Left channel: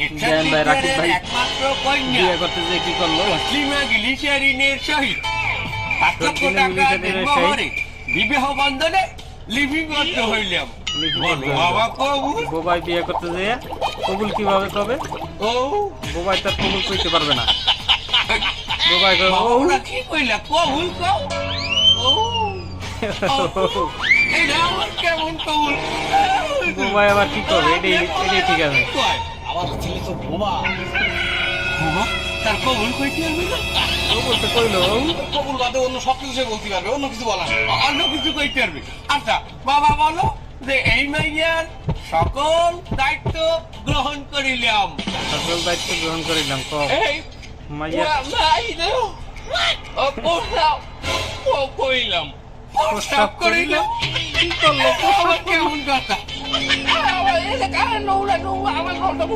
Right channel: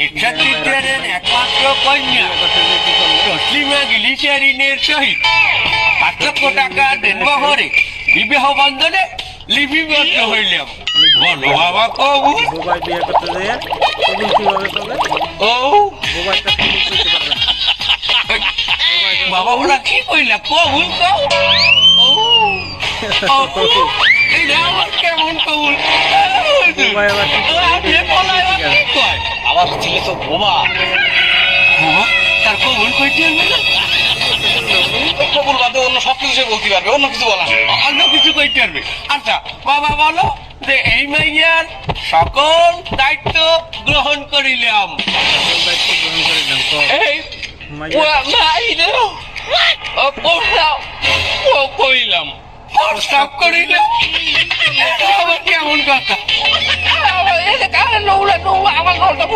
একমাত্র কন্যা তসলিমা গিলিচারিনের সহিত পাঁচ টাকা দেব বিবাহ বন্ধনে লিপিবদ্ধ হইলাম বলো বাবা কবুল বোবাই বিয়ে করতে যেয়ে কবুল কীভাবে কবে ও বোবাই তার কবুল করতে পারবে না বোবাই বাবা ওরা কি কইলা কবুল কও ও ও, আমার কেমন কবুল বোবাই আবার কি করে ঠিক আছে আমার ছেলে তো বোমা। তার কবুল কইতে হবে কবুল তো কইলো কবুল বাদে অন্য সব কিছু বলতে পারবে অন্য কিছু বলা অন্য কিছু কইতে পারবে আচ্ছা বাবা বলো যে এই মাইয়ার সকল দায়িত্ব গ্রহণ করিলাম। সকল দায়িত্ব গ্রহণ করিলাম এই মাইয়া। ও ও কইলাম। প্রস্তাব করিলাম। কেমন কথা? ini sekarang nolak nolak awal nolak tak